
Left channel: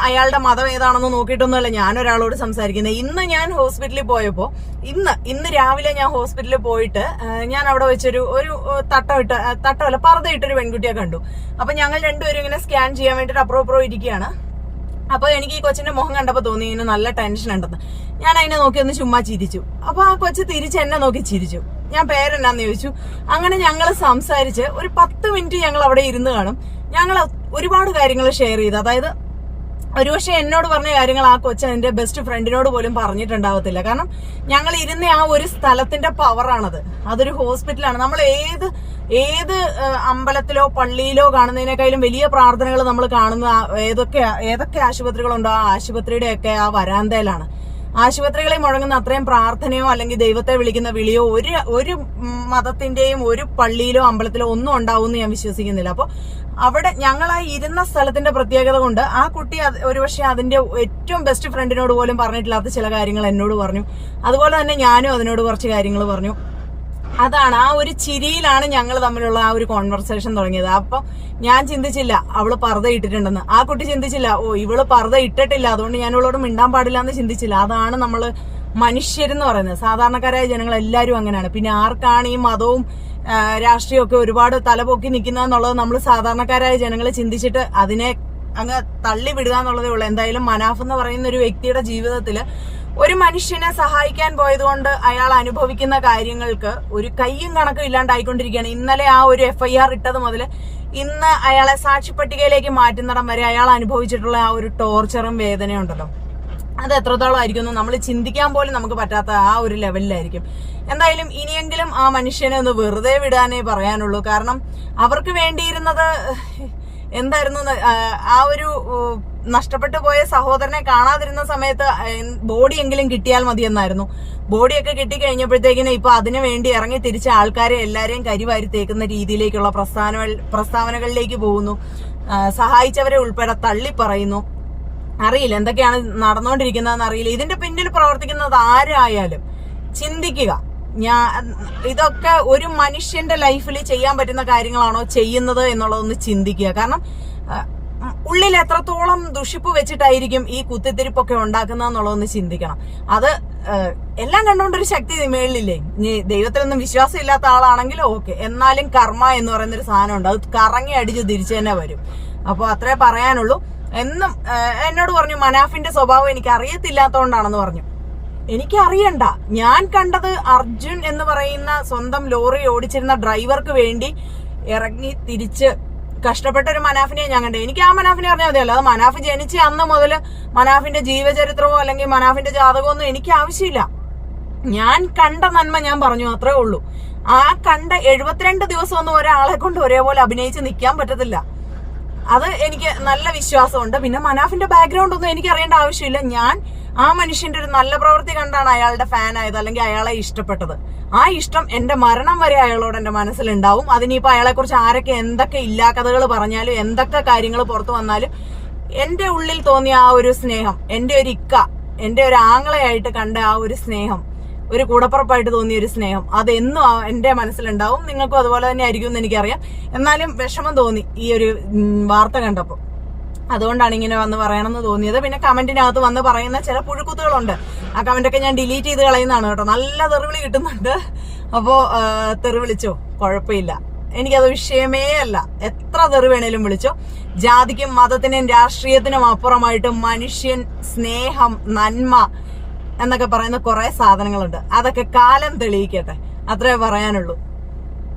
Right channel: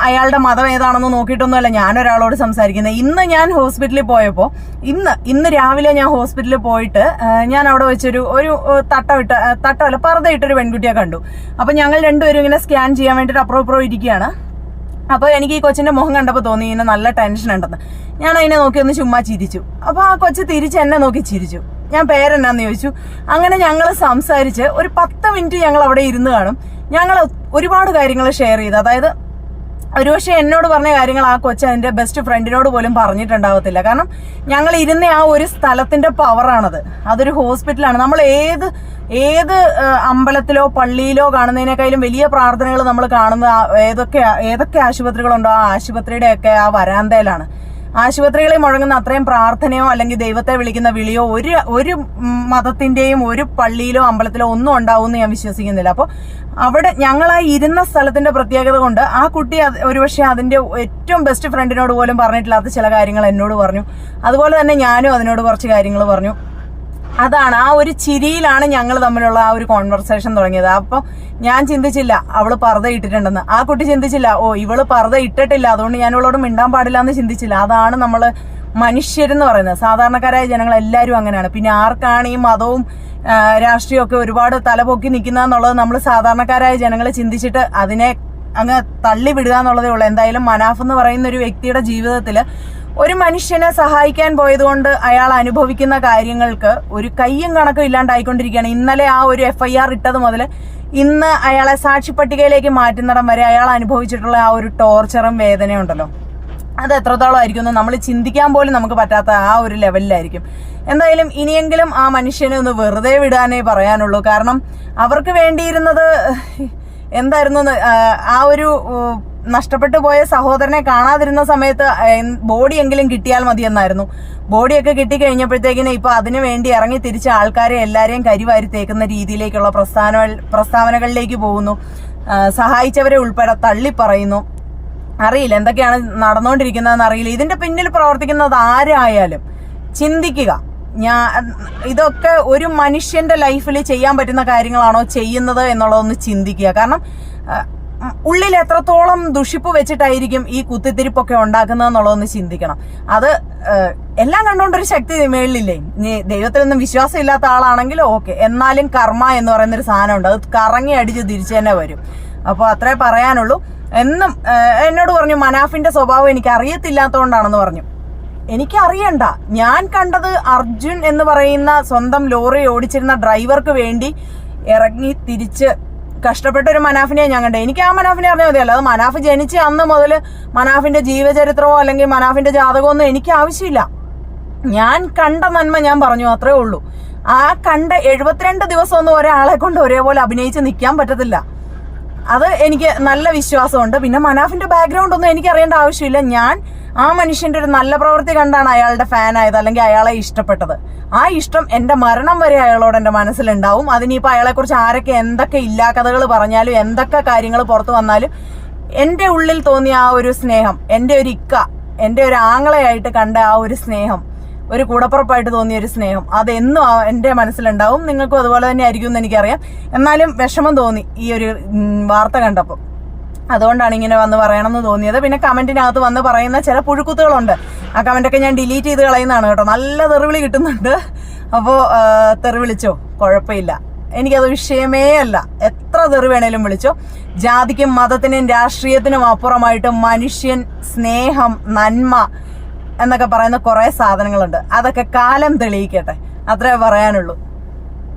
അയാളുടെ മതം ഏതാണെന്ന് നോക്കിയിട്ടൊന്നുമല്ല ഞാനൊരാളോട് സംസാരിക്കുന്നത് ഇന്ന് ഞാൻ ഹോസ്പിറ്റലിൽ പോയപ്പോൾ ഇന്ന് ഇന്ന് രാവിലെ ഞാൻ ഹോസ്പിറ്റലിൽ പോയിട്ട് ഞാൻ അവിടെ വെച്ചൊരു ഒരു തട്ടമിട്ട് തട്ടമല്ല പർദ്ദയിട്ടൊരു പെൺകുട്ടിയെ കണ്ടു. അപ്പം ഞങ്ങൾ രണ്ടുപേരും ഇങ്ങനെ സ്കാൻ ചെയ്യാൻ വേണ്ടിയിട്ട് അപ്പുറം ഇപ്പുറം ഇരിക്കുകയാണ്. അപ്പൊ എനിക്ക് ഈ കൊച്ചിന്റെ മുഖം കണ്ടപ്പോൾ തോന്നി ഇങ്ങനെ നല്ല ടെൻഷൻ ഉണ്ടെന്ന്. ഞാൻ അതിനെ നോക്കി ഒന്ന് ചുമ്മാ ചിരിച്ചു. അപ്പോൾ ആ കൊച്ച് തിരിച്ച് എന്നെ നോക്കി ചിരിച്ചു. ഞാൻ പേരെന്നാന്ന് ചോദിച്ചു. അങ്ങനെ ഞങ്ങൾ സംസാരിച്ച് ഒരു പത്ത് മിനിറ്റ് ഞങ്ങൾ അവിടെ ഇരുന്ന് കാണും. ഞങ്ങൾ ഒരുപാട് കാര്യങ്ങൾ ഷെയർ ചെയ്തു. അതായത് ഒരുപക്ഷെ എന്നോട് പറഞ്ഞ കാര്യങ്ങൾ ആ കൊച്ചു അതിന്റെ ബെസ്റ്റ് ഫ്രണ്ടിനോട് പോലും പറഞ്ഞിട്ടുണ്ടാവത്തില്ല. കാരണം ഞങ്ങൾ ഇരുന്ന ആ ഒരു സ്ഥലത്തിന്റെ പവറാണത് അതൊരു ഹോസ്പിറ്റലാണ് നമ്മൾ ഏത് ഏത് അമ്പലത്തിലോ പള്ളിയിലോ കാണുന്നതിനേക്കാളും വലിയ പ്രാർത്ഥനകൾ നമ്മൾ കാണുന്ന ഏതൊക്കെ ഏതൊക്കെ ആശുപത്രികളുണ്ടോ ആ ആശുപത്രിയുടെയൊക്കെ ആ വരാന്തയിലാണ്. ആശുപത്രികളിൽ മുഴങ്ങുന്ന അത്രയും പ്രാർത്ഥനയോ അല്ലെങ്കിൽ ദൈവത്തെ വിളിക്കുന്ന വിളിയോ ഒരു ഒരു മതത്തിന്റെയും ഒരു പള്ളിയിലോ അമ്പലത്തിലോ ഒന്നും ഉണ്ടാവുമെന്ന് ഞാൻ വിശ്വസിക്കുന്നില്ല. അപ്പോൾ അവിടെ ഞങ്ങൾ ആ ഇരുന്ന സ്ഥലത്തിന്റെ പ്രത്യേകത കൊണ്ട് ആ കുട്ടി ഒരുപക്ഷെ അതിന്റെ ഏറ്റവും ബെസ്റ്റ് ഫ്രണ്ടിനോട് പോലും പറഞ്ഞിട്ടില്ലാത്ത ചില കാര്യങ്ങൾ എന്നോട് പറഞ്ഞു. അതുപോലെ തന്നെ ഞാനും അതിനോട് കുറച്ച് കാര്യങ്ങൾ പറഞ്ഞു. അതാണ് ആ ഒരു ചിരിയിലാണ് ഞങ്ങൾ തമ്മിലുള്ള ആ ഒരു കോൺവെർസേഷൻ തുടങ്ങിയത്. അപ്പൊ ഞാൻ ചിന്തിച്ചില്ല അവൾ പർദ്ദ ഇട്ടിട്ടുണ്ടെന്ന്. ആ കുട്ടി ചിന്തിച്ചില്ല ഓ ഇവൾ പർദ്ദ ഇട്ടിട്ടില്ല അതുകൊണ്ട് ഞാൻ ഇവളോട് മിണ്ടാൻ പാടില്ല എന്ന് ചിന്തിച്ചില്ല. അതാണ് നമ്മൾ മനുഷ്യരെന്ന് പറയുന്നത്. സാധാരണക്കാരായ ജനങ്ങൾ എല്ലാവരും അങ്ങനെയാണ്. പിന്നെ ആർക്കാണ് ഈ മതവും രാഷ്ട്രീയമൊക്കെ ഒരുപാട് തലപൊക്കി നിൽക്കുന്നതെന്നുള്ളത് നമ്മൾ സാധാരണക്കാരായ ജനങ്ങൾ ചിന്തിച്ചിട്ട് അതിനെ അങ്ങ് തള്ളി വിടുക എന്നുള്ളതേ ഉള്ളൂ. എന്തായാലും മനാഫ് എന്ന് പറയുന്ന ഒരു വ്യക്തിയുടെ ജീവിതത്തിൽ ഒരു മനുഷ്യനെ സഹായിക്കാൻ പോയതുകൊണ്ട് അയാൾ അനുഭവിക്കുന്ന കാര്യങ്ങൾക്ക് ഒരു കയ്യും കണക്കും ഇല്ലാണ്ടായിക്കൊണ്ടിരിക്കുകയാണ്. ഇന്നലെ ആ ഒരു എഫ് ഐ ആർ ഇട്ടത് മുതൽ ഇന്ന് അയാളെ സാക്ഷിപ്പട്ടികയിലേക്ക് മാറ്റുന്നിടം വരെ അയാൾ അനുഭവിച്ചിട്ടുള്ള ആ ഒരു ടോർച്ചറും വേദനയും ഉണ്ടല്ലോ. അത് എത്രത്തോളം ആയിരിക്കുമെന്ന് നമ്മൾ ചിന്തിക്കാൻ പോലും നമുക്ക് പറ്റാത്ത ആ ഒരു ലെവലിലായിരിക്കും എന്തായാലും ഇനിയെങ്കിലും ആ മനുഷ്യനെ ഒന്ന് വെറുതെ വിടാനേ പറയാനുള്ളൂ. കാരണം അവർക്ക് വേണ്ടിയിരുന്നത് എന്തായിരുന്നു ആ, ഒരു നഷ്ടപ്പെട്ടു പോയ സഹോദരനെ കാണാതിരുന്ന സമയത്ത് ബോഡി എങ്കിലും കിട്ടിയാൽ മതിയെന്നായിരുന്നു. ബോഡിയൊക്കെ കിട്ടിക്കഴിഞ്ഞപ്പോഴത്തേക്കിന് ഇപ്പൊ അതിനു വേണ്ടി ഇറങ്ങി തിരിച്ച ആൾക്കാരെ എല്ലാരെയും കരിവാരി തേക്കുന്ന രീതിയിലേക്കുള്ള പ്രസ്ഥാന പ്രസ്താവനകളിലേക്ക് പോകുന്നു. സഹായിച്ചവരെ ഉൾപ്പെടെ തള്ളി പറയുന്നു. അറിയില്ല എന്തൊക്കെയാണ് നടന്നുകൊണ്ടിരിക്കുന്നതെന്ന് അറിയില്ല. ഇതിന്റെ പിന്നിൽ പ്രവർത്തിക്കുന്നത് ആരായാലും ചിന്തിക്കുക. ഞാൻ ഇതൊക്കെ ഒരു മനുഷ്യന്റെ ലൈഫിൽ ചെയ്യാൻ പറ്റുന്ന കാര്യങ്ങളാണോ ചെയ്യുന്നത് എന്നുള്ളതൊന്ന് ചിന്തിക്കുക. കാരണം ഉള്ളിൽ എത്രത്തോളം ദുഷിപ്പ് വെച്ചിട്ടായിരിക്കും ഈ കുത്തിത്തിരിപ്പൊക്കെ ഉണ്ടാക്കുന്നതെന്നുള്ളതൊന്ന് ചിന്തിക്കണം. അത് എല്ലാം കണ്ടുകൊണ്ടൊരു ശക്തി മേളിലില്ലേ? ഇനി ദൈവത്തിലൊന്നും വിശ്വാസം ഇല്ലാത്ത ആളാണെങ്കിൽ ഓക്കെ. എന്നാലും കർമ്മ എന്ന് പറയുന്നൊരു സാധനമുണ്ട്. അത് കറങ്ങി അടിച്ച് തിരിച്ചു തന്നെ വരും. അപ്പോൾ അത്രേ പറയാനുള്ളൂ. എന്നും എന്നോട് പറഞ്ഞു മനാഫിന്റെ സ്വഭാവം എനിക്ക് അറിയത്തില്ലാത്തതുകൊണ്ടാണെന്ന് പറഞ്ഞു. എനിക്ക് അറിയണ്ട ഞാൻ കണ്ടത് അർജുൻ എന്ന് പറയുന്ന സ്വന്തം ലോറി ഓടിച്ചിരുന്ന ഡ്രൈവർക്ക് വേണ്ടി ഇറങ്ങി തിരിച്ച് കഷ്ടപ്പെട്ട ഒരു മനാഫിനെ ഞാൻ കണ്ടത്. എനിക്ക് ആ മനാഫിനെ അറിഞ്ഞാൽ മതി അല്ലാതെ മനാഫ് ജനിച്ച അന്ന് മുതൽ മനാഫിന്റെ ജീവചരിത്രമോ അല്ലെങ്കിൽ മനാഫിന്റെ ജാതകമോ ഒന്നും എനിക്ക് ആവശ്യമില്ല. ഞാൻ കണ്ട നന്മ ഞാൻ പറഞ്ഞു അത്രേ ഉള്ളൂ. ആ കണ്ട എഴുപത്തിരണ്ട് ദിവസമൊന്നും ഒരാളെ കൊണ്ട് ഒരേപോലെ അഭിനയിച്ച് നിൽക്കാൻ പറ്റത്തില്ല. അത് എനിക്ക് നല്ല വിശ്വാസമുണ്ട്. പിന്നെ മനാഫിന്റെ ബാക്ക്ഗ്രൗണ്ട് ഒന്നും എനിക്ക് അറിയേണ്ട ആവശ്യമില്ല. ഞാൻ ആ മനുഷ്യന്റെ ഒരു നല്ല പ്രവൃത്തി കണ്ടാണ് അയാളുടെ ഫാൻ ആയത് അല്ലെങ്കിൽ അയാളെ ഇഷ്ടപ്പെട്ടത്. ആ ഇഷ്ടം എന്റെ മരണം വരെ അയാളോട് എന്റെ മനസ്സിലുണ്ടാവും. അതിനിപ്പോ അയാളെ കുറിച്ച് ആരൊക്കെ എന്തൊക്കെ ഇല്ലാക്കഥകൾ പറഞ്ഞാലും എന്തൊക്കെ കാര്യങ്ങൾ പുറത്തു വന്നാലും എന്റെ ഉള്ളിൽ തോന്നിയ ആ ഒരു സ്നേഹം എന്റെ ഒരു ഇക്ക എന്റെ ഒരു ആങ്ങളയായിട്ട് കണ്ട ആ ഒരു സ്നേഹം ഒരു കൂടപ്പുറപ്പായിട്ട് തോന്നിയ ഒരു സ്നേഹം അതെന്നും എന്റെ മനസ്സിലുണ്ടാവും. നിങ്ങൾക്കും അതുപോലെ തന്നെ ആയിരിക്കും എന്ന് എനിക്കറിയാം. എന്നാലും വിഷമം തോന്നി ഈ ഒരു വാർത്ത കണ്ടപ്പോൾ. അതുകൊണ്ടാണ് ഇങ്ങനെ വന്ന് പറയണമെന്ന് തോന്നിയത്. പിന്നെ കമന്റിനകത്ത് വന്ന് പറയുന്ന ചില പുഴുക്കുത്തുകളുണ്ട്. ആ കമന്റൊക്കെ ഞാൻ ഡിലീറ്റ് ചെയ്ത് കളയുന്നതാണ് കേട്ടോ. നല്ല തെറിവിളി കിട്ടുന്നുണ്ട്. അപ്പോ തെറിവിളിച്ചോ തെറി വിളിച്ചോ? കുഴപ്പമില്ല. എനിക്കത് വിഷയമേ അല്ല. എത്ര തെറി വേണേലും വിളിച്ചോ. ജാതിക്കും മതത്തിനും രാഷ്ട്രീയത്തിനും അപ്പുറമായിട്ട് മനുഷ്യൻ സ്നേഹം നന്മ എന്നൊക്കെ പറയുന്ന കുറെ സാധനങ്ങളുണ്ട്. അതൊക്കെ കാലം തെളിയിക്കട്ടെ. അത്രേ പറയാനുള്ളൂ.